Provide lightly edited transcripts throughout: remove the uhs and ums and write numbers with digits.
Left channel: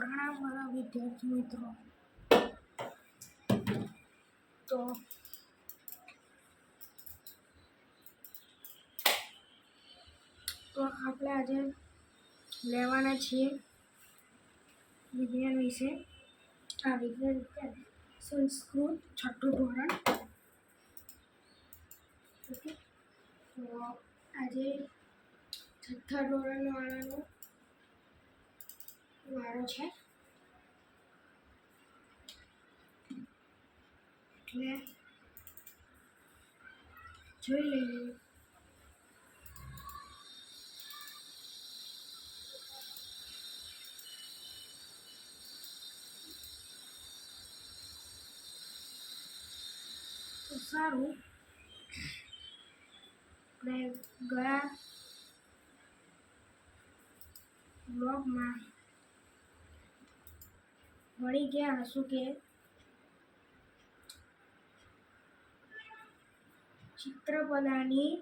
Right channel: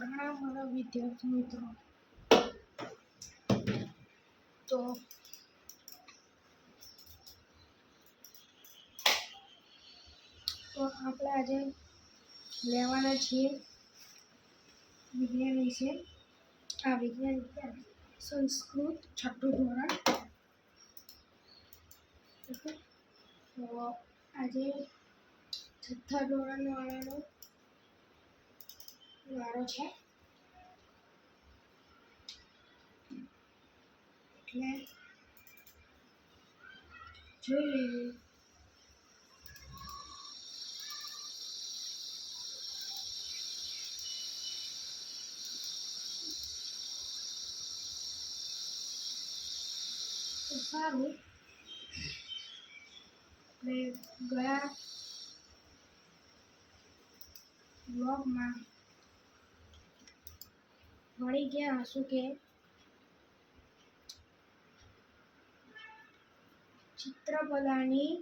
પ્રણામ મારા વિદ્યાર્થી મિત્રો. તો આપણે આજે લેવાના છીએ વિજ્ઞાન વિશે. આ વિજ્ઞાન સંસ્કૃત છઠ્ઠું ધોરણ. ઓકે, તો આજે છઠ્ઠા ધોરણ વાળાનો વારો છે, એટલે જોઈ લઈએ. તો સારું, આપણે ગયા બ્લોગમાં ભણી ગયા હશું કે ચિત્રપદાની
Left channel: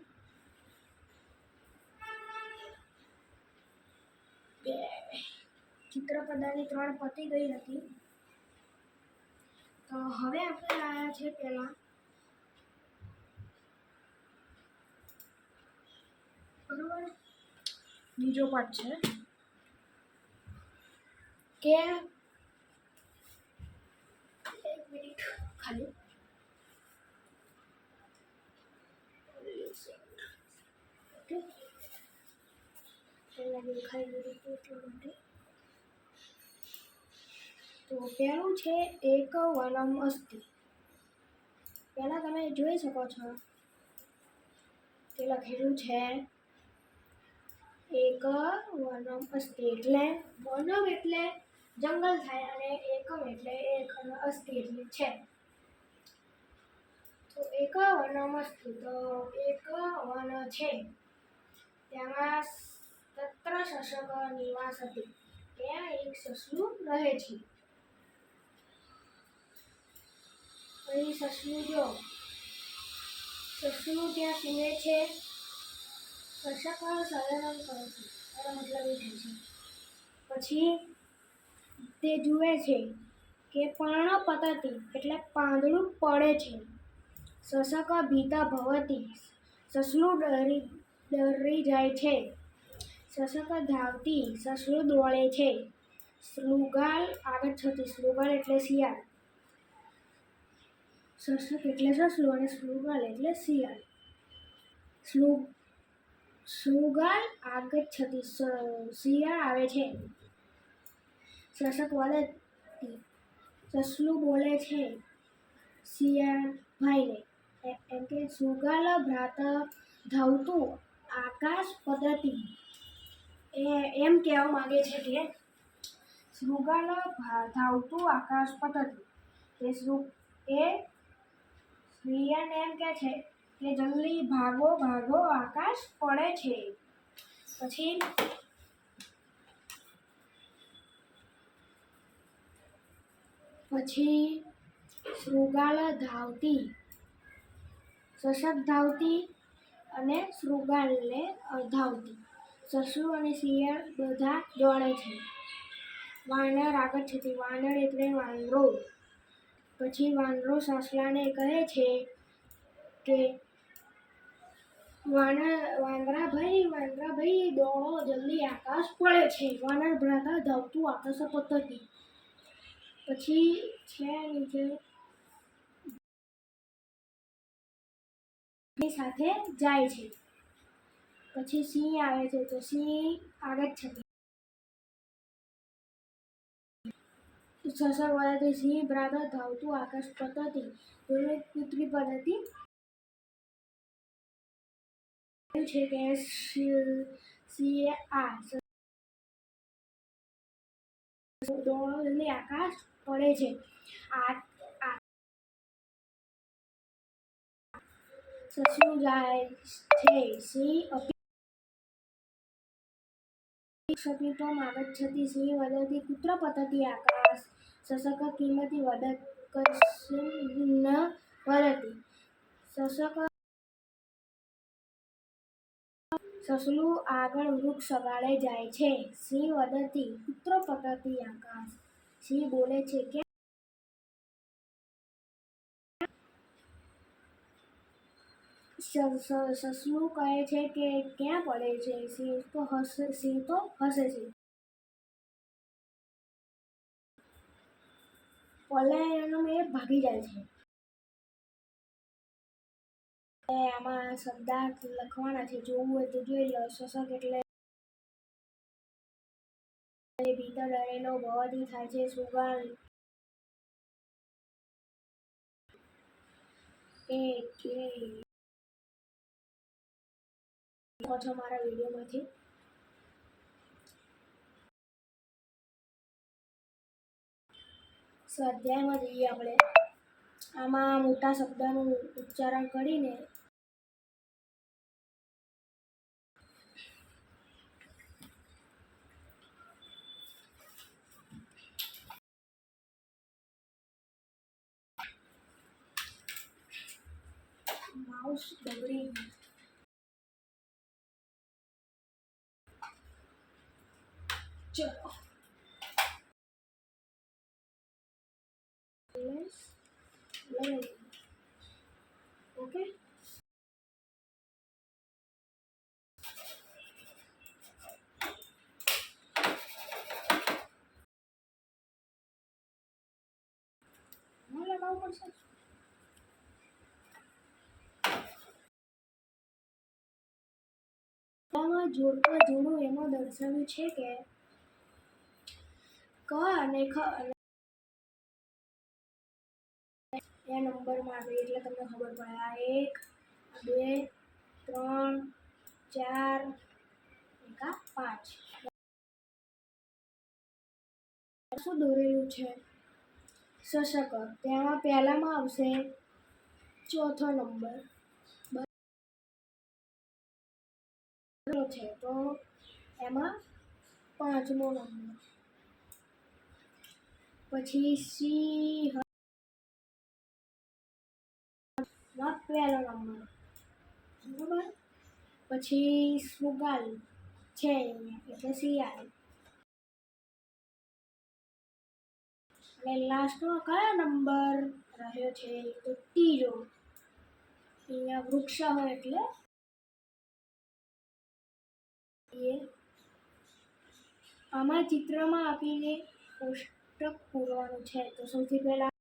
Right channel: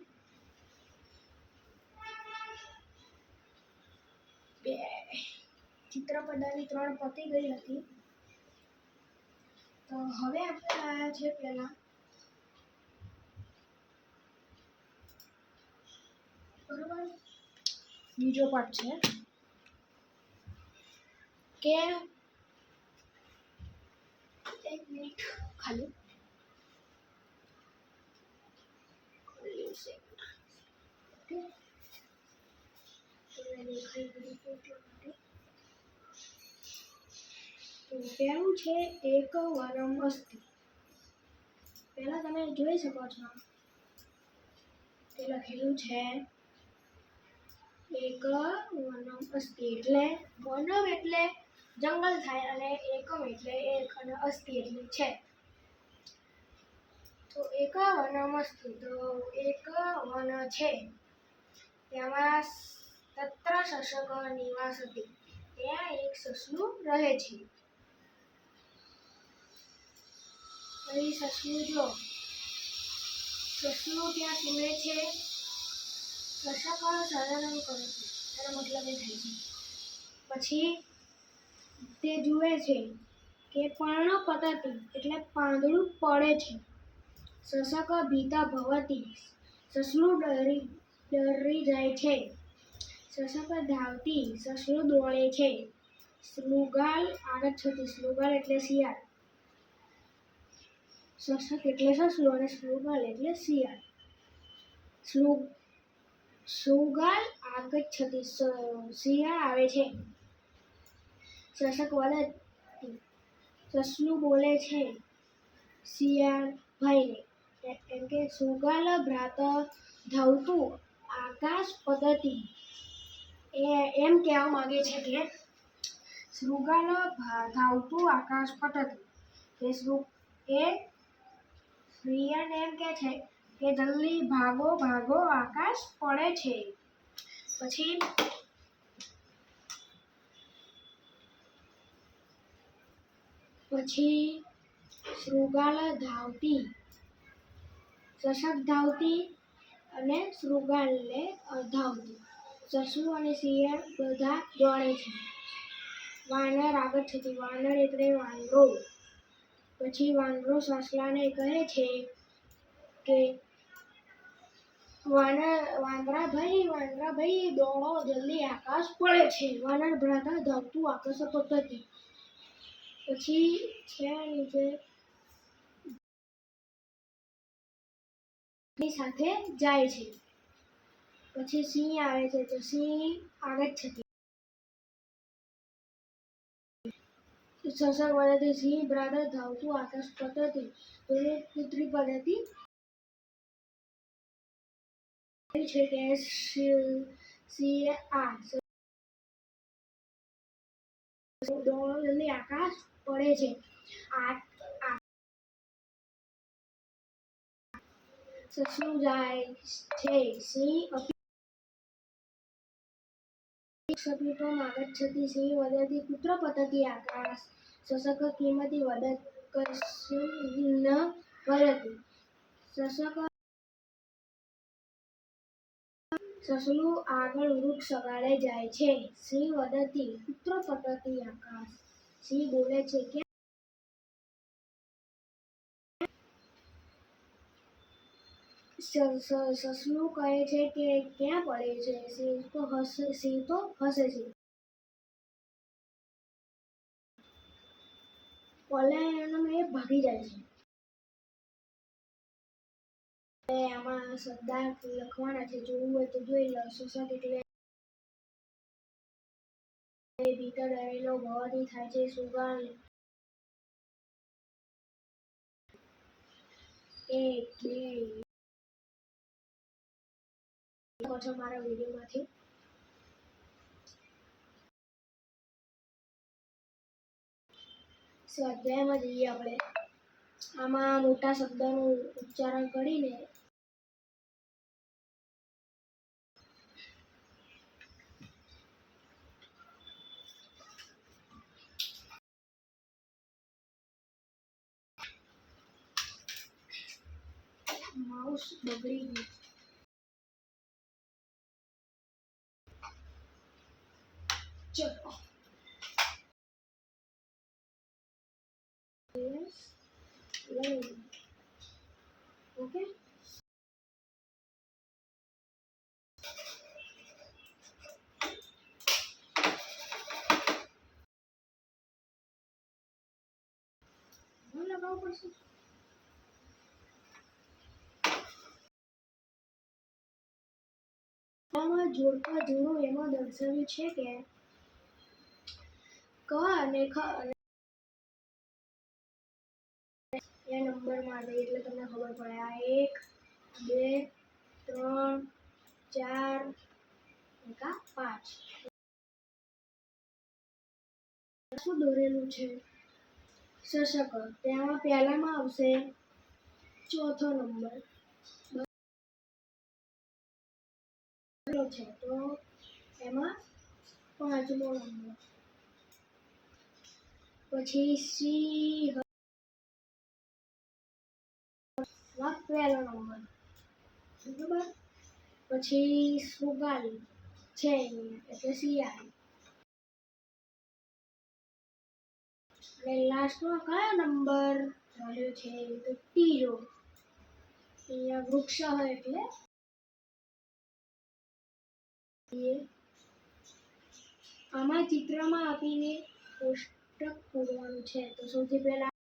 ત્રણ પતી ગઈ હતી. તો હવે આપણે આવ્યા છે પહેલા બરોબર બીજો પાઠ છે કે એક મિનિટ ખાલી તો પહેલું છે એક વનમ અસ્તિ. પહેલા તમે જોઈ શકો છો તે લખેલું છે એક વનમ અસ્તિ, એટલે વનમ એટલે જંગલ થાય અને એકમ એટલે એક અને અસ્તિ એટલે છે. તો એક વનમ અસ્તિ, તો એક વન છે તેમાં તત્ર શશક નિવાસતિ, ત્યાં એક સસલું રહે છે. પછી સસલું જો સસલું ત્યાં સૂવે છે. શશક સલનમ કરે છે, એનો મતલબ એ થાય છે. પછી તે જુએ છે કે પર્ણપતતિ એટલે પાંદડું પડે છે. શશક ભીતા ભવતિ, સસલું ડરી જાય છે. શશક ધાવતી, સસલું દોડે છે. શૃગાલ આગચ્છતિ, શૃગાલ એટલે શિયાળ. શશક એટલે સસલું અને શૃગાલ એટલે શિયાળ. શૃગાલ આગચ્છતિ, શિયાળ આવે છે. શશક વદતિ, સસલું બોલે છે શિયાળ ભાઈને, એમ કે શૃગાલ ભ્રાત ધાવતું આકાશ પતતિ. એમ કહેવા માંગે છે કે શૃગાલ ધાવતું આકાશ પતતિ, એ શિયાળને એમ કહે છે કે જલ્દી ભાગો ભાગો આકાશ પડે છે. પછી શૃગાલ ધાવતી, શશક ધાવતી અને શૃગાલને ધાવતી, સસલું અને શિયાળ બધા દોડે છે. વાનર આગચ્છતિ, વાનર એટલે વાંદરો. પછી વાંદરો સસલાને કહે છે કે વાંદરા ભાઈ દોડો જલ્દી આકાશ પડે છે. વાનર ભ્રાતા ધાવતું આકાશ પતતિ. પછી છે નીચે સાથે જાય છે. પછી સિંહ આવે છે, તો સિંહ આગચ્છતિ, શશક વદતિ, સિંહ ભ્રાત ધાવતું આકાશ પતતિ. પુત્રી પદ્ધતિ છે કે દોડો જલ્દી આકાશ પડે છે. સસલું જાય છે. સિંહ ક્ષપિતમ આગચ્છતિ, સિંહ વદતિ કુત્ર પતતિ આકાશ. શશક કિમતિ વદત કસ્મિન વદતિ. શશક સસલું આગળ વૃક્ષ અગાડે જાય છે. સિંહ વદતી પુત્ર પતતી આકાશ. સિંહ બોલે છે કે સસલું કહે છે કે ક્યાં પડે છે. સિંહ તો હસે છે. પલાયનમાં ભાગી જાય છે. આમાં શબ્દાર્થ લખવાના છે. જોવું હોય તો જોઈ લો. શોષક એટલે ભીતર ડરેલો ભવાથી થાય છે. સુગાર એક બે છો મારા વિડીયોમાંથી. સ્વાધ્યાયમાં જઈએ આપણે. આમાં મોટા શબ્દનું ઉચ્ચારણ કરીને માઉસ બગડી ગયું. ચલો ઓકે. લગાવવું પડશે. આમાં જોડકા જોડું એમાં દર્શાવ્યું છે કે ક અને ખ એ નંબરમાં આવે એટલે તમને ખબર પડે. આ 1 2 3 4 5 શું દોરેલું છે? શશક. તેમાં પહેલામાં આવશે ચોથો નંબર છે તો એમાં પાંચમો નંબર. પછી સિંહ પહેલો નંબર બરાબર. પછી સુગાલી છે અહીંયા એટલે શિયાળ. અને લાસ્ટમાં કયો નંબર રહ્યો છે તો ત્રીજો. અહીંયા વૃક્ષ હોય એટલે આમાં ચિત્રમાં આપીને કોષ્ટક પૂરવાનું છે. તો સૌથી પહેલા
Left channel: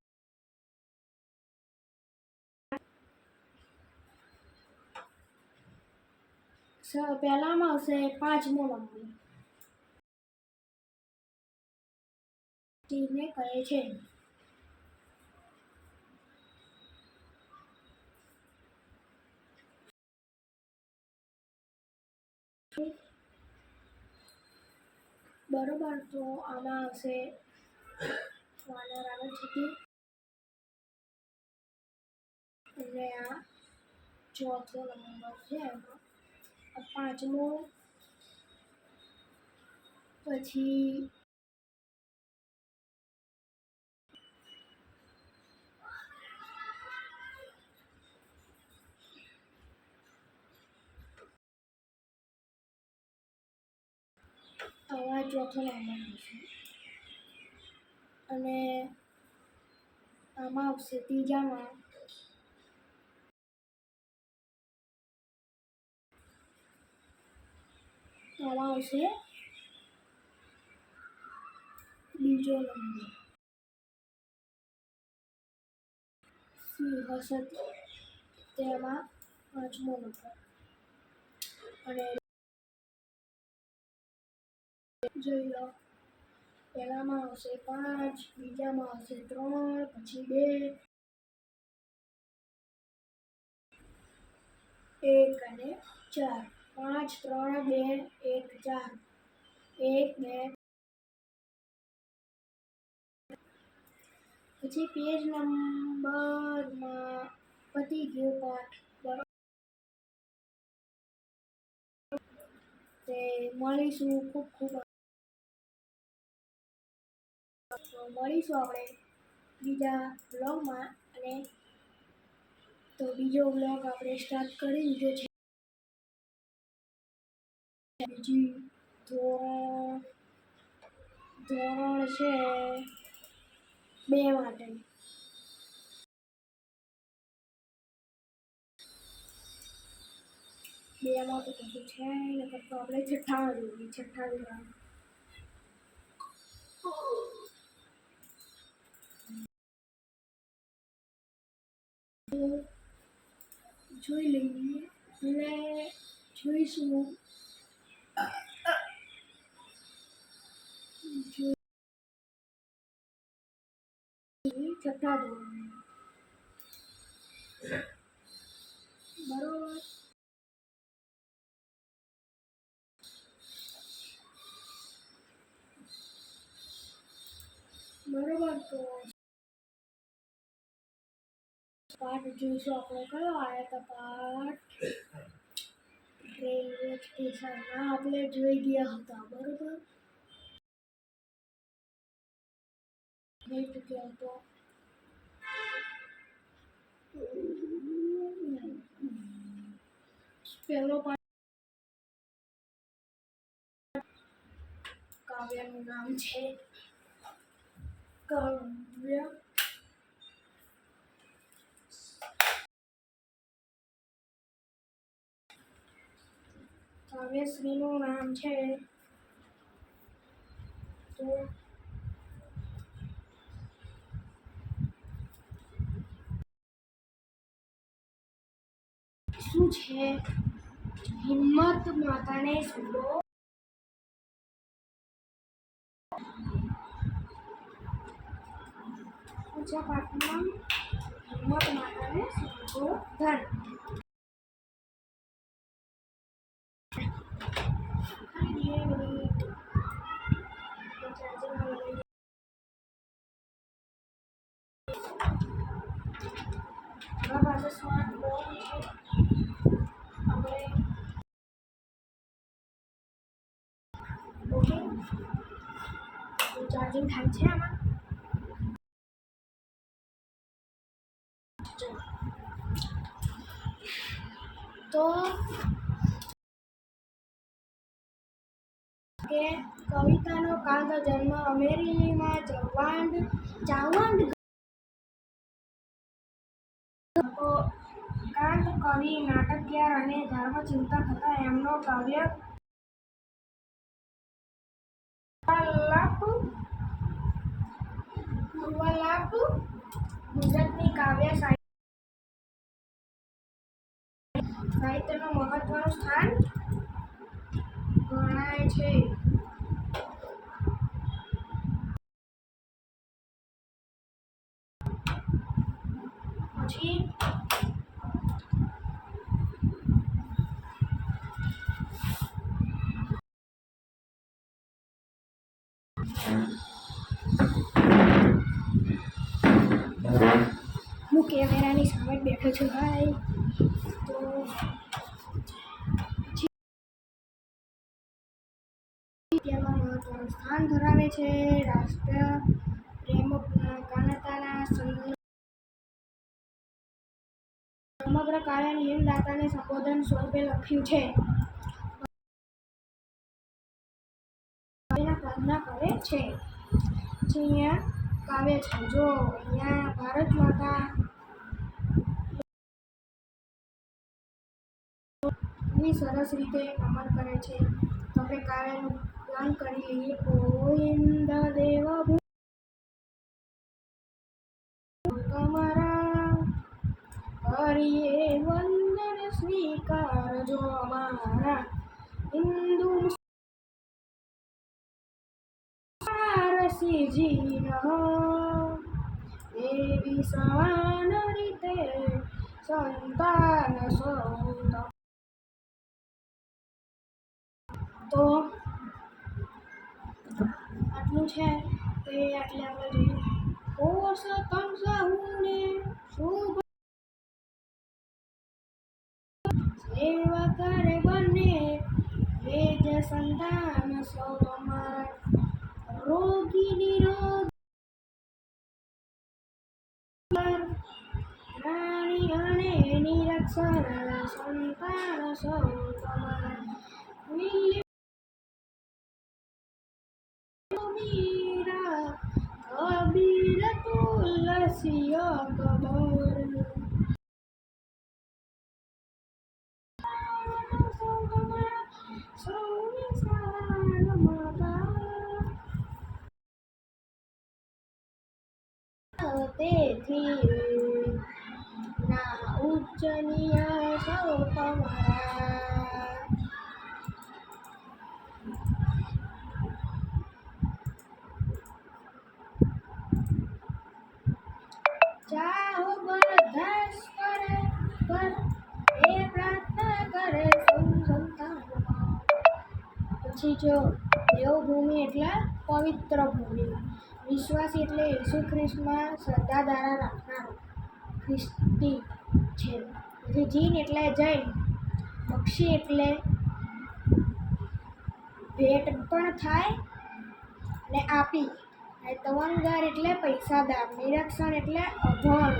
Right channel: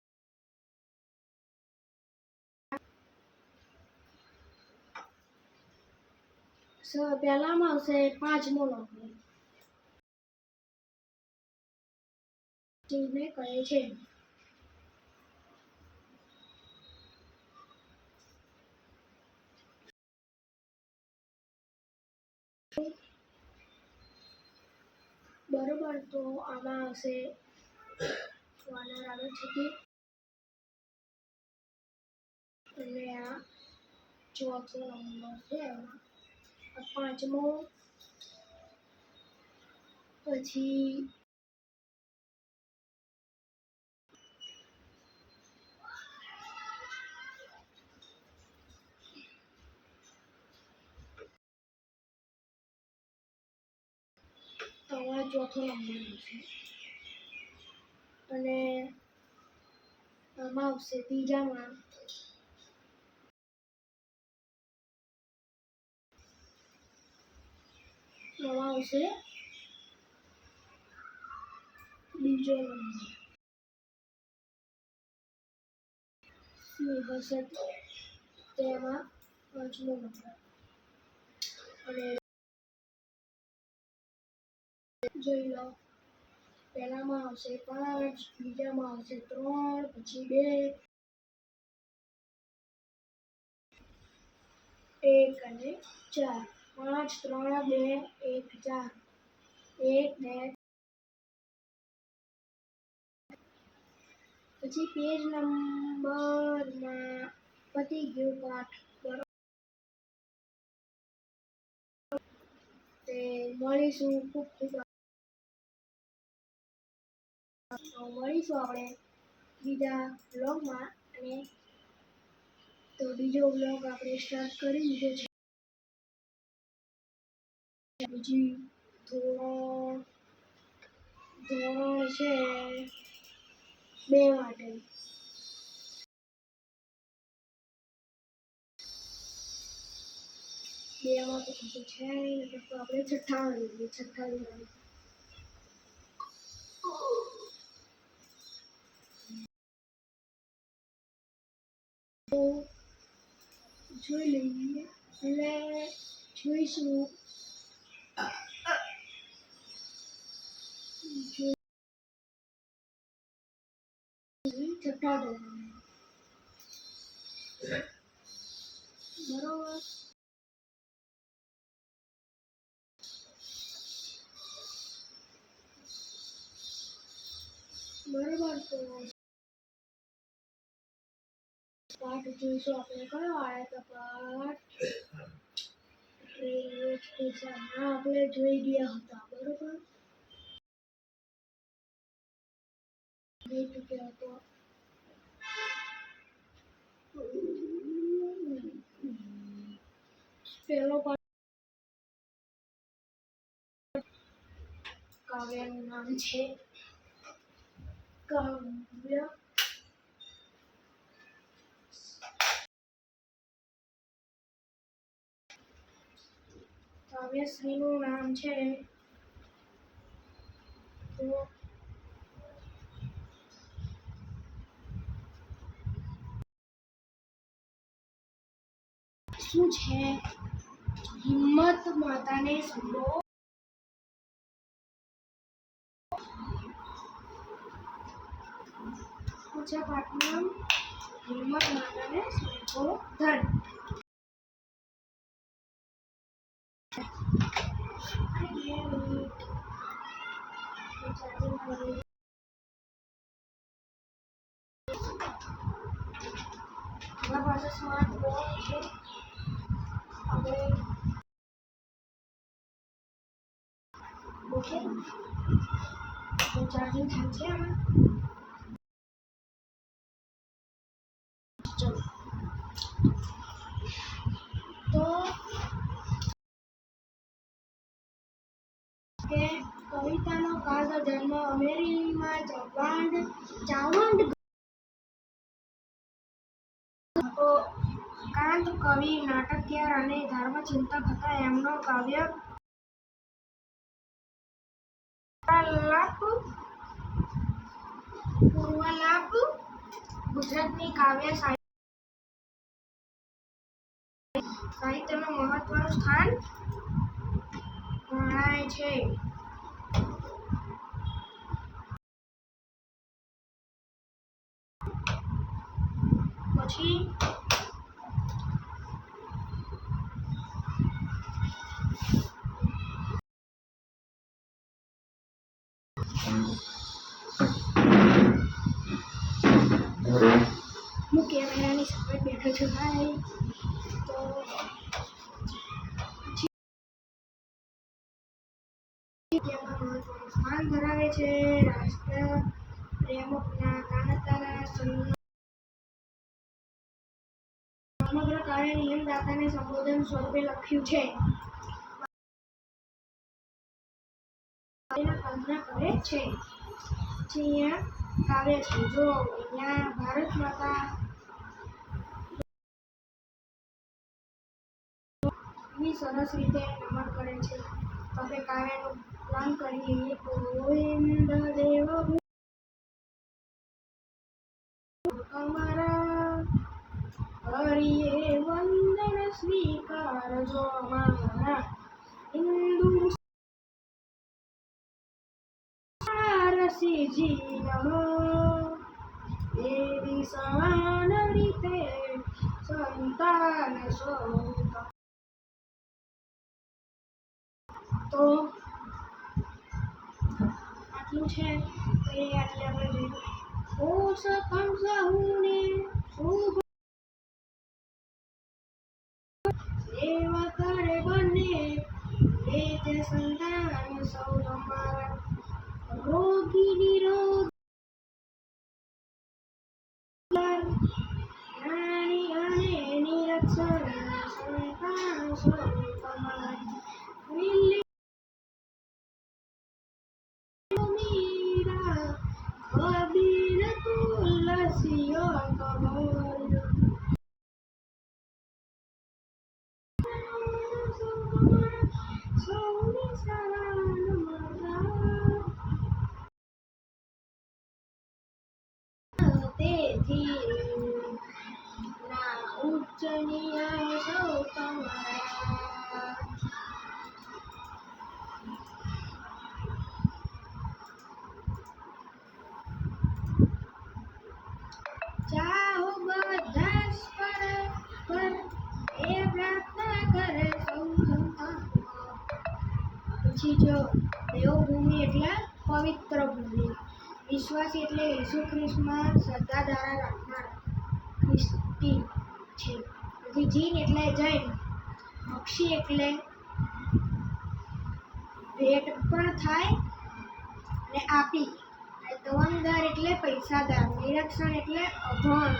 પહેલામાં આવશે પાંચમો નંબર. સિંહને કહે છે બરોબર. તો આમાં આવશે વાનર આગળ છે અને આ ચોથો નંબર છે. એમાં પાંચમો. પછી આમાં ચોથો નંબર આવશે અને આમાં આવશે ત્રીજામાં આમાં આવશે બીજો નંબર. સિંહ હશે તેમાં પાંચમો નંબર. અને જોઈ લો. પહેલામાં આવશે 5, બીજામાં આવશે 3, પછી 2, 1 અને 4. 5 3 2 1 4. 1 2. પછી પેજ નંબરમાં પતી ગયો પાઠ. તે મળીશું. ખૂબ ખૂબ મળીશું આપણે બીજા બ્લોગમાં. અને તો બીજો બ્લોગ આપણે સ્ટાર્ટ કરી દીધો છે. બીજી ધોરણ છે 2 માટે. બેમાં તો કશું છે નહીં, નકર તો આપણે છઠ્ઠામાં લઈએ. છઠ્ઠા ધોરણ તો જોઈ લઈએ. એટલે જોઈશું છઠ્ઠા ધોરણ બરોબર. તો પાઠ જોઈશું આપણે. કયો આવે તો પાઠ રેલવે સ્ટેશન. આપણે જોઈ ગયા હતા બરોબર. જોઈ ચૂક્યા હતો. પહેલો પાઠ કાવ્યનું નામ છે કાવ્ય. કાવ્યશ્રીનું નામ છે. તો શું છે? હિંમત માતાને સુરો. પૂછા પાઠમાં હિંમત માતાને સુબોધન. આપણા પાસે સ્માર્ટ ફોન છે. આપણે ઓકે તો ચાર્જિંગ થાય છે આમાં. તો કે કવિતાનો કાંતો જન્મ અમેરિકામાં ચાવંડ કાંત કવિ, નાટકકાર અને ધર્મચિંતક હતા. એમનો કાવ્ય પૂર્વાલાપ ગુજરાતની કાવ્ય સાહિત્યમાં મહત્વનું સ્થાન ગણાય છે. પછી હું કેમેરાની સામે બેઠો છું ભાઈ. તો મહત્વનું સ્થાન ધરાવે છે. રાષ્ટ્ર પ્રેમના કાનતાના સમગ્ર કાવ્ય નિયમદાતાને સંબોધન સ્વરૂપે લખ્યું છે. પ્રાર્થના કરે છે. અહીંયા કાવ્ય છે. જો અહીંયા ભારત માતા સરસ રીતે નમન કરે છે. તો આપણે કાવ્યનું નામ કરી લઈએ. ગોવિંદ દેવ તમારા હરિએ વંદન સ્વીકારજો. અમારા હિન્દુ રસીજી નમો દેવી સમાન રીતે સંતાન સ્વરૂપ. તો આટલું છે. તો એ આટલે આપણે જોઈએ. ઓ સતમ સહુને શુભ સેવા કરે બને વેદ સંતાન સૌ તમારા રોગી નિરોગ જ્ઞાની અને નિરક્ષર સંતાન સૌ તમારા અબીર તુલસીઓ કબર તેથી ના ઉચ્ચ નિયા સૌ તમારા ચાહો બધા પર એ પ્રાર્થના કરે સૌ સંતાન પછી જો દેવભૂમિ એટલે પવિત્ર ભૂમિ વિશ્વાસી એટલે ઈસુ ખ્રિસ્તમાં શ્રદ્ધા ધારા રાખનાર ખ્રિસ્તી છે પછી જીન એટલે જૈન બક્ષી એટલે ભેટ પણ થાય અને આપી તવંગદાર એટલે પૈસાદાર નિરક્ષણ એટલે અભણ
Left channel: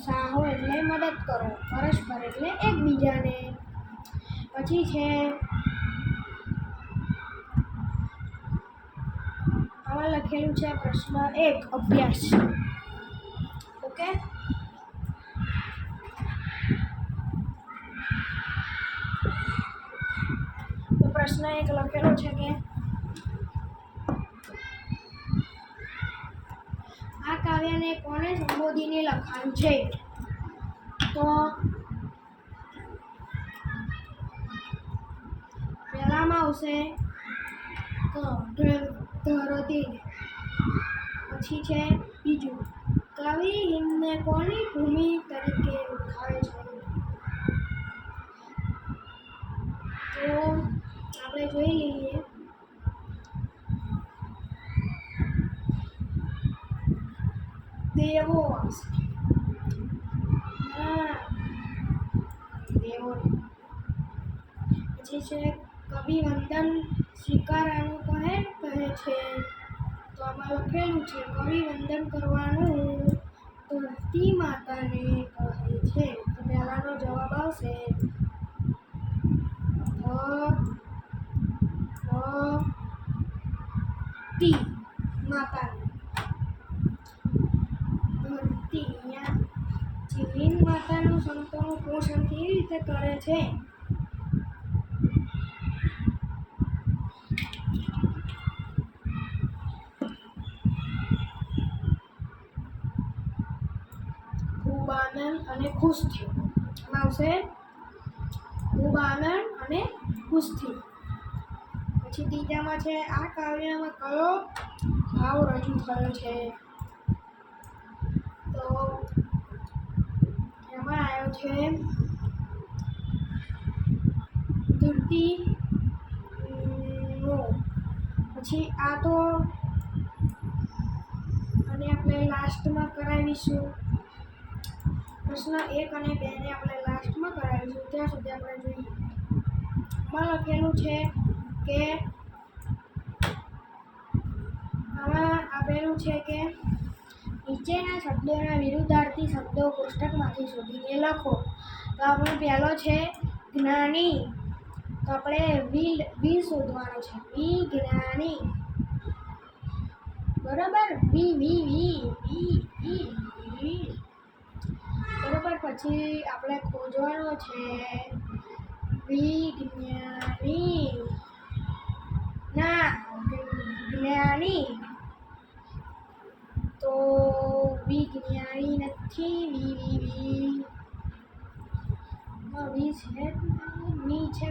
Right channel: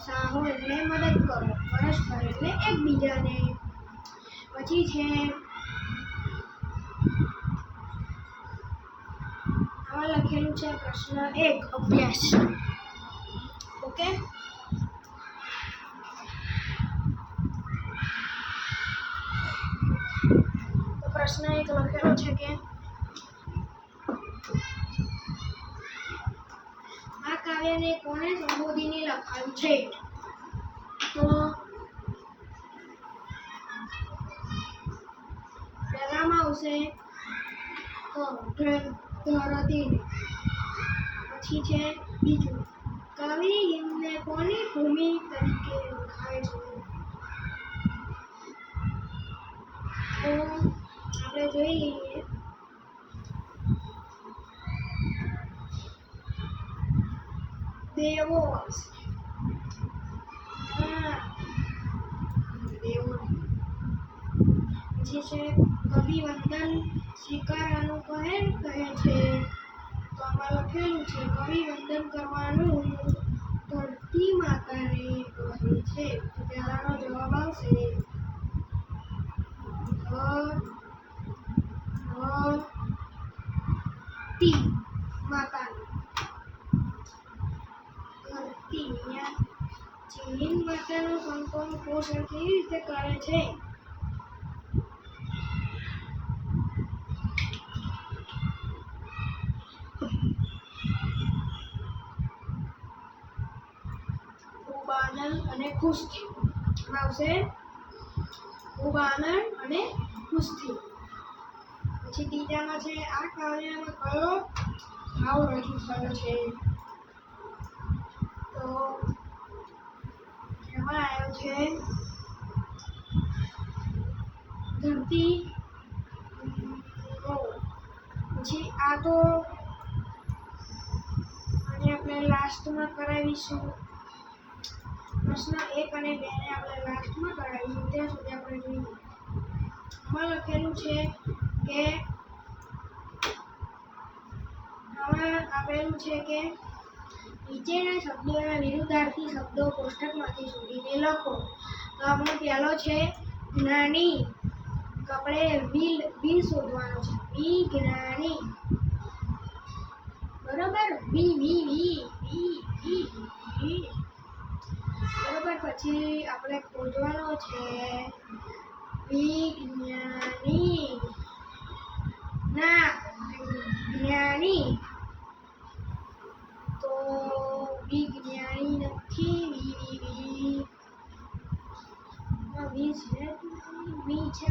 સાહો એટલે મદદ કરો પરસ્પર એટલે એકબીજાને પછી છે આમાં લખેલું છે પ્રશ્ન 1 અભ્યાસ ઓકે તો પ્રશ્ન 1 લખેલો છે કે આ કાવ્યને કોણે સંબોધીને લખાયું છે તો પહેલામાં આવશે ધરતીને પછી છે બીજું કવિ હિમને કોની ભૂમિ તરીકે ઓળખાય છે તો આપણે જોઈ લઈએ દેવો દેવો પછી છે કવિ વંદન સ્વીકારવાનું કહે છે તો આમાં લખેલું છે કવિ વંદન કરવાનું ધરતી માતાને કહે છે તો પહેલાનો જવાબ આવશે ધરતી માતાને ધરતી અહીંયા જીન માતાનું સંતોનું પોષણ કેવી રીતે કરે છે ખૂબ આનંદ અને ખુશ થયો આવશે ખૂબ આનંદ અને ખુશ થયો પછી ત્રીજામાં છે આ કાવ્યમાં કયો ભાવ રજૂ થયો છે તો એમાં આવ્યો છે ધરતી નો પછી આ તો અને આપણે લાસ્ટમાં કરાવીશું પ્રશ્ન 1 અને 2 ને આપણે લાસ્ટમાં કરાવીશું ત્યાં સુધી આપણે જોઈએ આમાં લખેલું છે કે આમાં આપેલું છે કે નીચેના શબ્દોના વિરુદ્ધાર્થી શબ્દો કોષ્ટકમાંથી શોધીને લખો તો આપણો પહેલો છે જ્ઞાની તો આપણે વી શોધવાનો છે વિજ્ઞાની બરાબર વી બરાબર પછી આપણે ખોજવાનો છે વિજ્ઞાની ના જ્ઞાની તો વિજ્ઞાની નથી વી છે વી છે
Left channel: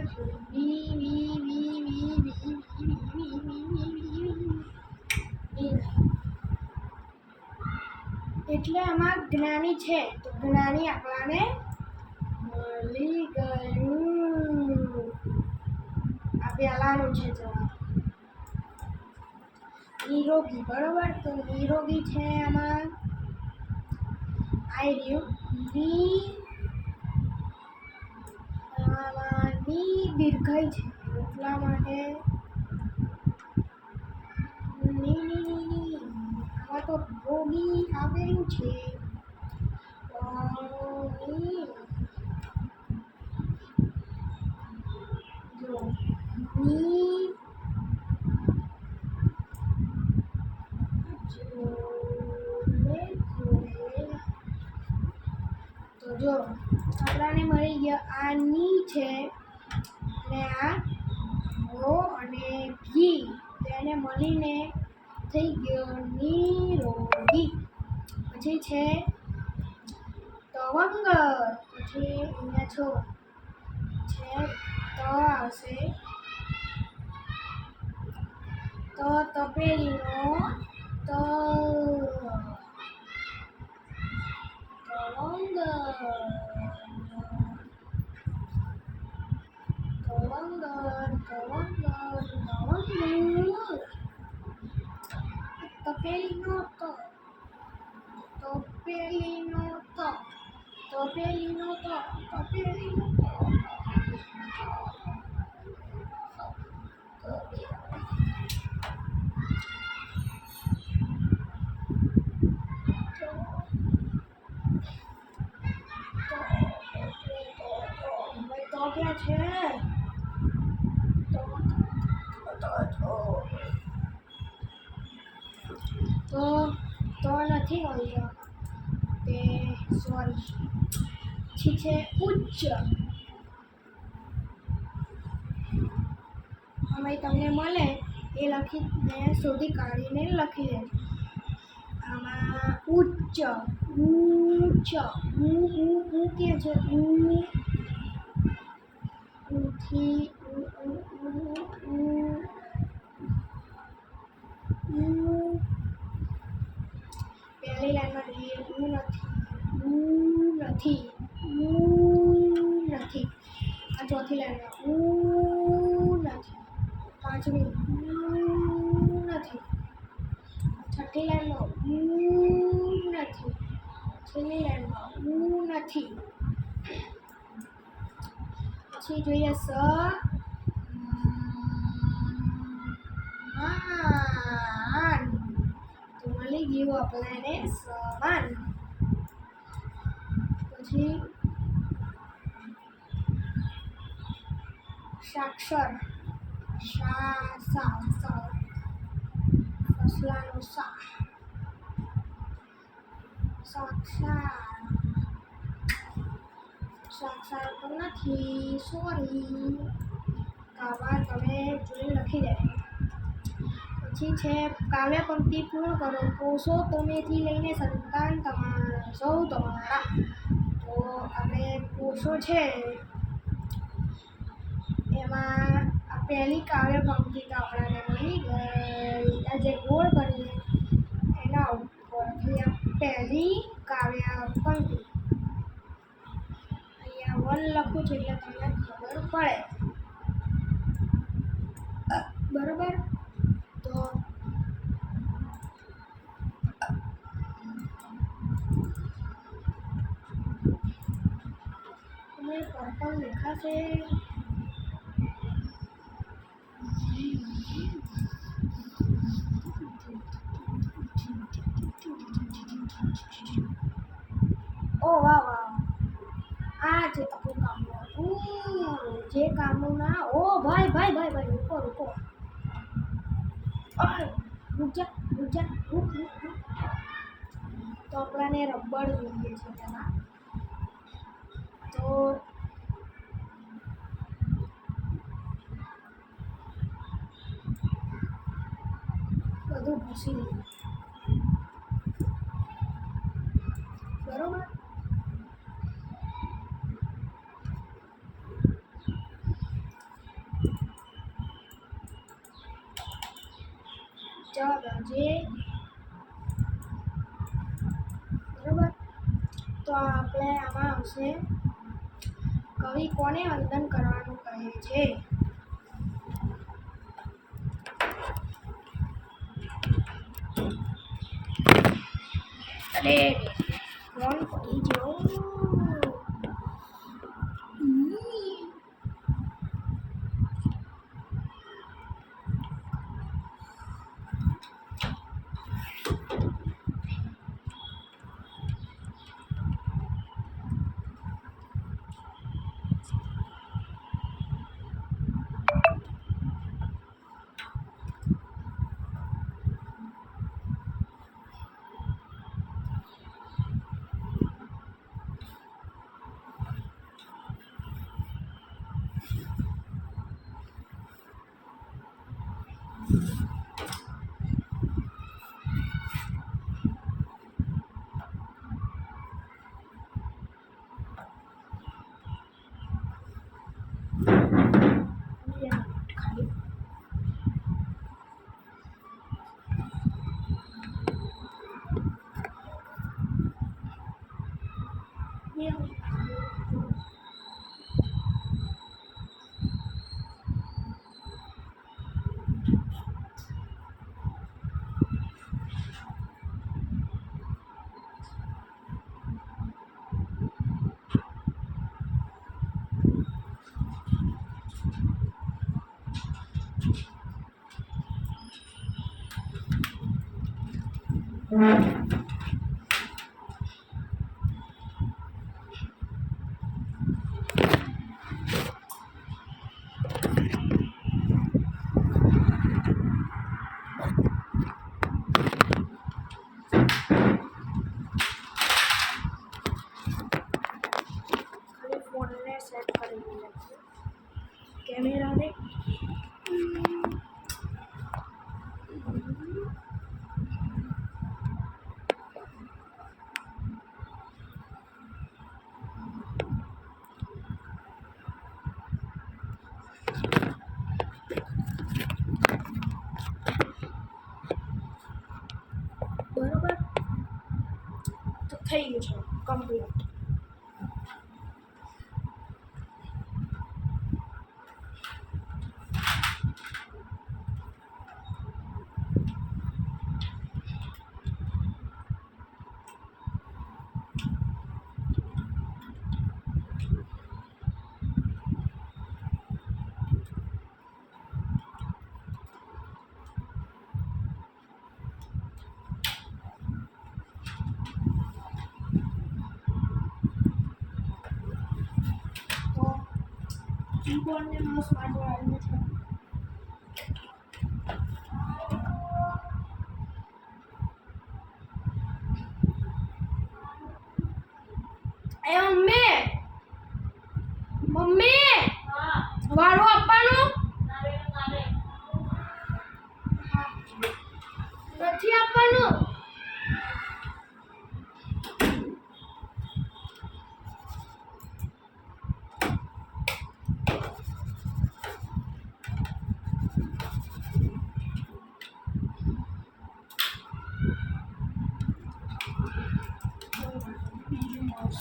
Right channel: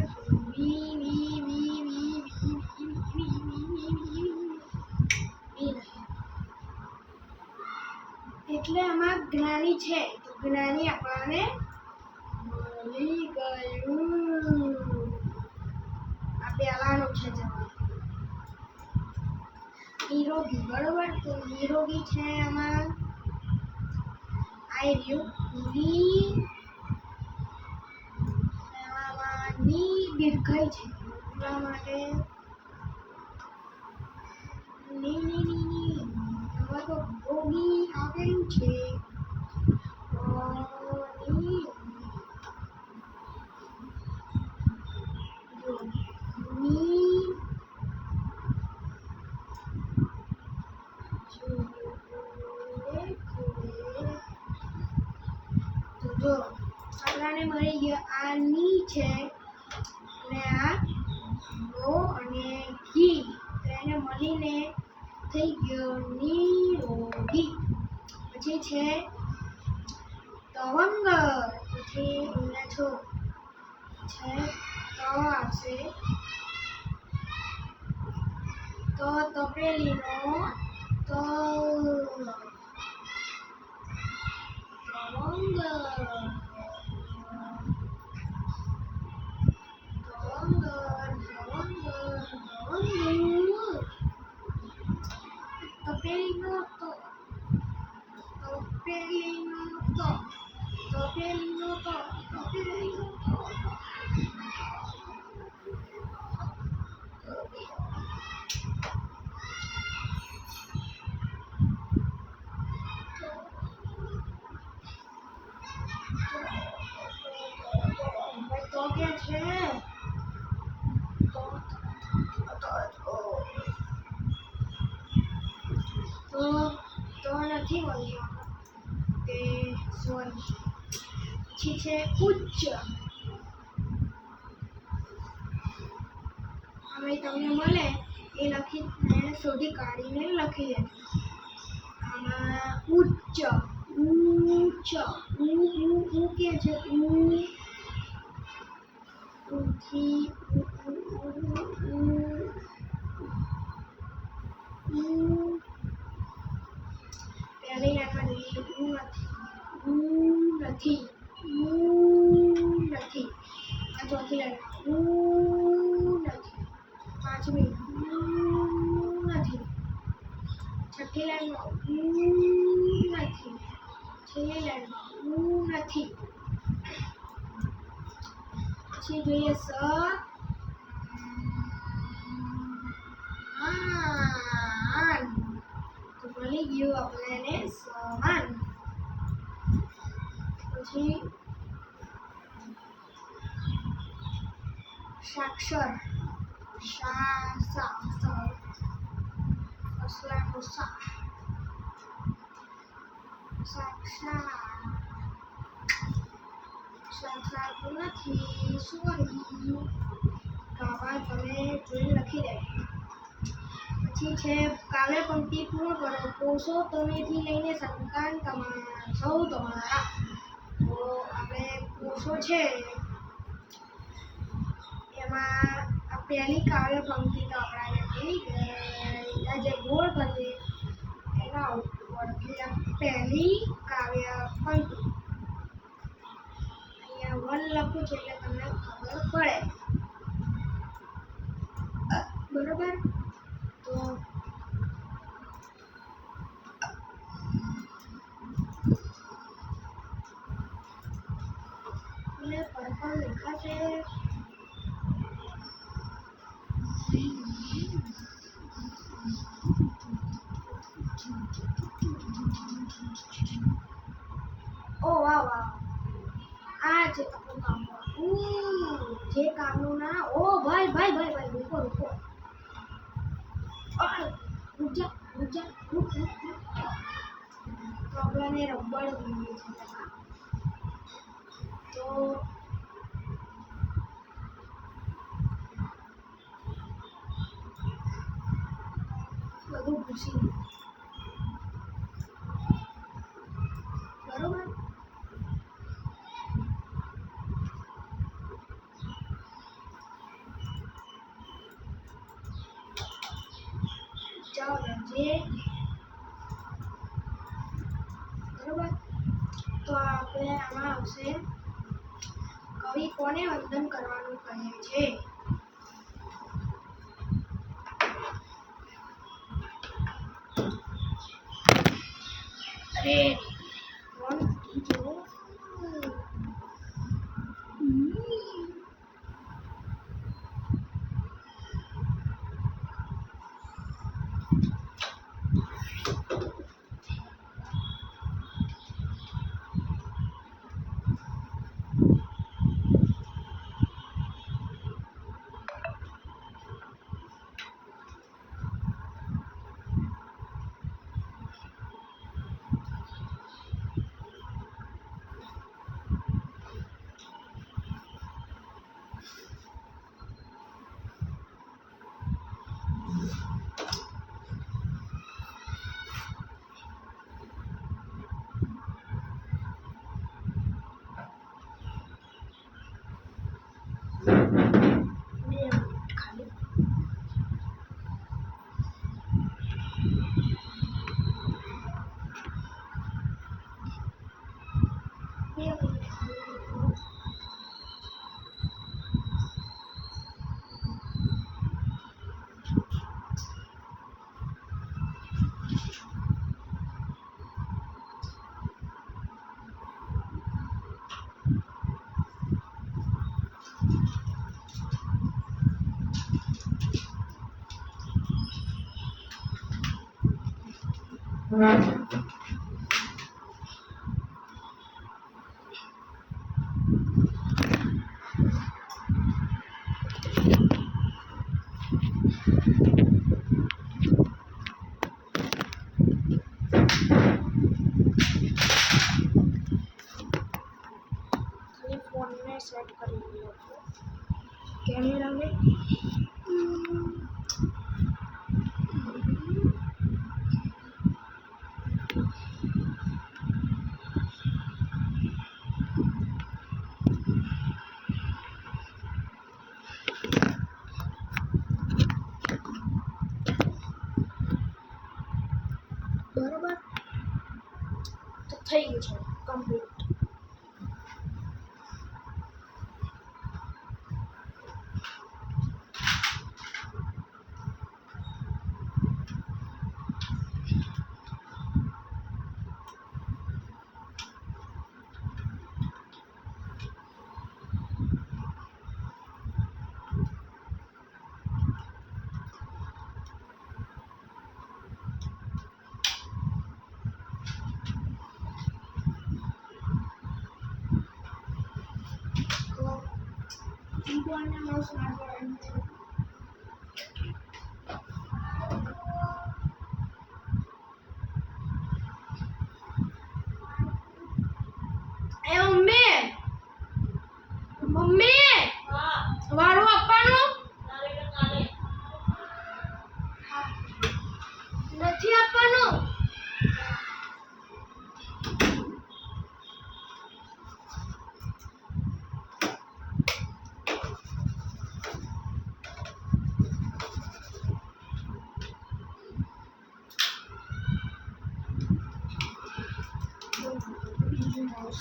એટલે આમાં જ્ઞાની છે તો જ્ઞાની આપણને મળી ગયું આ પહેલાનું છે જવાબ નિરોગી બરોબર તો નિરોગી છે આમાં આઈ રહ્યું ની દીર્ઘાઈ છે એટલા માટે આમાં તો રોગી આવેલું છે તો જો આપણાને મળી ગયા આ ની છે અને આ રો અને ઘી, તો એને મળીને થઈ ગયો નિરોગી. પછી છે તવંગર, પછી અહીંયા છો છે તો આવશે તો તપેલીનો ત, તપેલીનો ત, તપેલીનો ત, તપેલીનો ત, તપેલીનો તો ક્યાં છે? તો નથી મળ્યો તે સોરી. પછી છે ઉચ્ચ, હવે તમને મળે એ લખીને શોધી કાઢીને લખી લેજો. આમાં ઉચ્ચ, ઉચ્ચ, ઉ કે છે ઉથી પહેલી લાઈનમાં જોઈએ નથી, નથી. આ ચોથી લાઈનમાં નથી, પાંચમી નથી, છઠ્ઠી લાઈનમાં નથી, છેલ્લી લાઈનમાં નથી. પછી જોઈએ સમાન, તો મળી ગયું આપણને સમાન. પછી સાક્ષર, ફસલાનું સા, સાક્ષાત નથી, સોરી. આવા તમે જોઈને લખી દે. પછી છે કાવ્ય પંક્તિ પૂર્ણ કરો. કોષો તમેથી લઈને સંતાન તમારા સૌ તમારા. તો આપણે કોષો છે એમાં આ પહેલી કાવ્ય પંક્તિ તો આપણને મળી ગઈ. આ જે ગોળ કરીએ એના ઉપરથી આ પહેલી કાવ્ય પંક્તિ અહીંયા 1 લખું છું એટલે તમને ખબર પડે, બરોબર? તો તમને પર્પલ દેખાશે? ઓ વાહ વાહ, આ છે આપણું કામનું. જે કામનું ના, ઓ ભાઈ રૂકો રૂક જા. તો આપણને રબર જોઈએ છે તેમાં, તો બધું ભૂસી દઈએ, બરોબર? ચાલો જે બરોબર. તો આપણે આમાં આવશે કવિ કોને વંદન કરવાનું કહે છે? અરે કોણ પડી ગયો? ખાલી ફોનને સેટ કરી લઈએ કેમેરાને બરોબર તો થઈ ગયું છે કમ્પ્લીટ કીબોર્ડ ને માઉસ વાળવાનું છે એ મમ્મી મમ્મી વાળો આપવાનો નથી આપવાનો બીજું માઉસ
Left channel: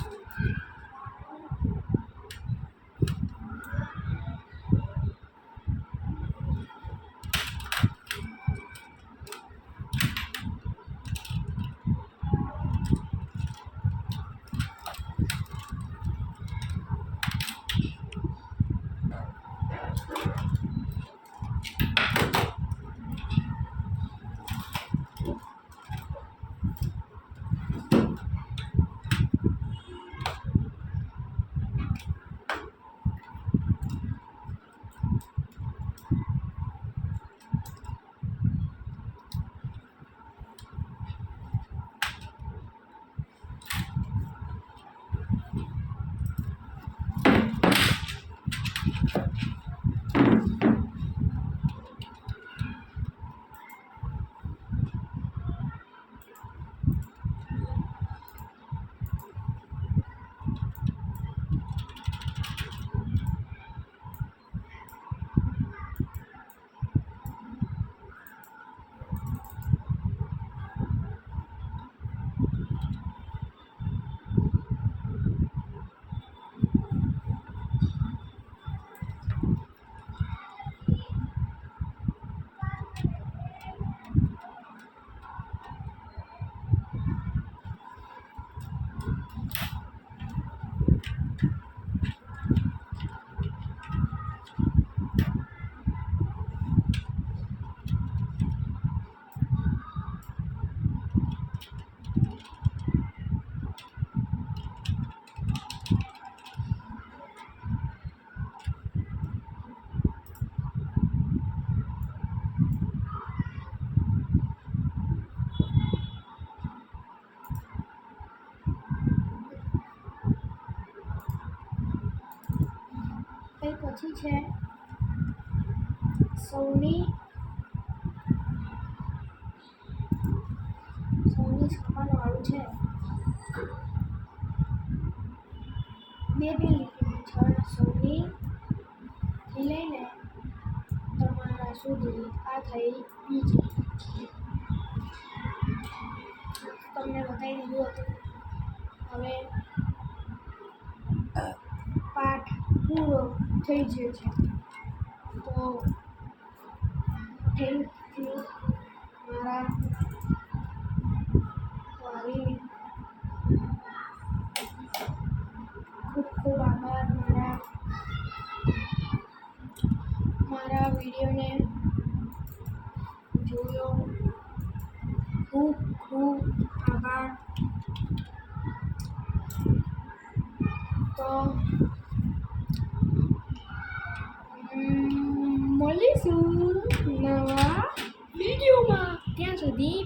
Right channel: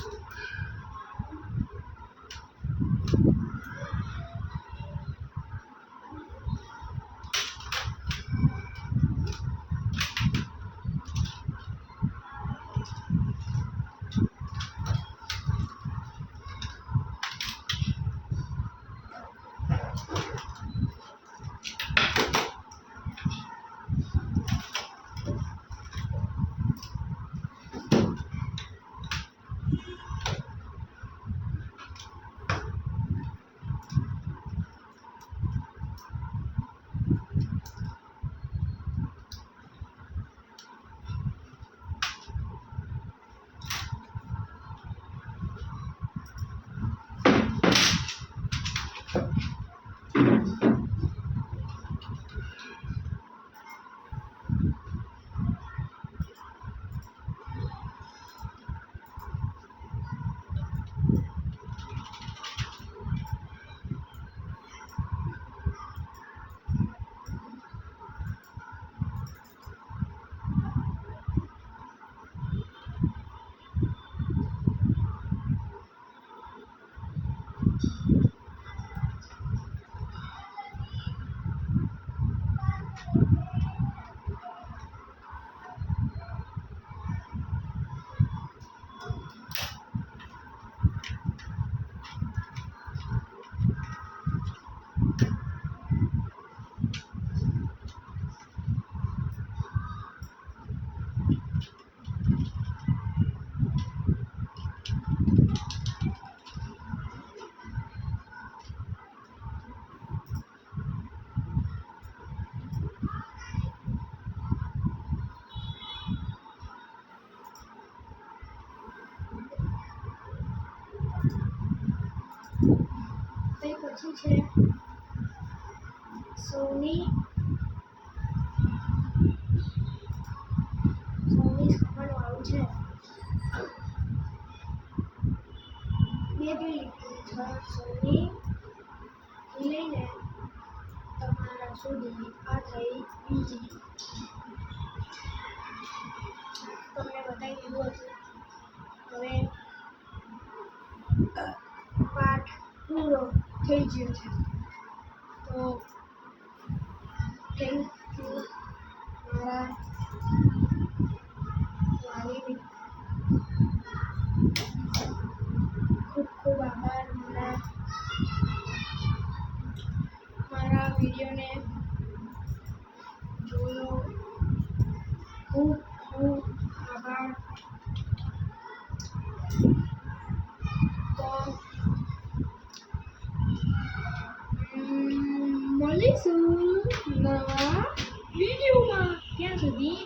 પછી છે સોની છપ્પનવાળું છે મેં બી લીધેલી છે સોની થી લઈને તમારા સુધી આ થઈ બીજી તમને બતાવી દીધું હતું હવે પાઠ પૂરો થઈ ગયો છે તો થેન્ક યુ મારા વાલીને ખૂબ ખૂબ આભાર મારા વિડીયોને જોયો ખૂબ ખૂબ ખૂબ આભાર. તો મળીશું નવા વિડીયોમાં. ત્યાં સુધી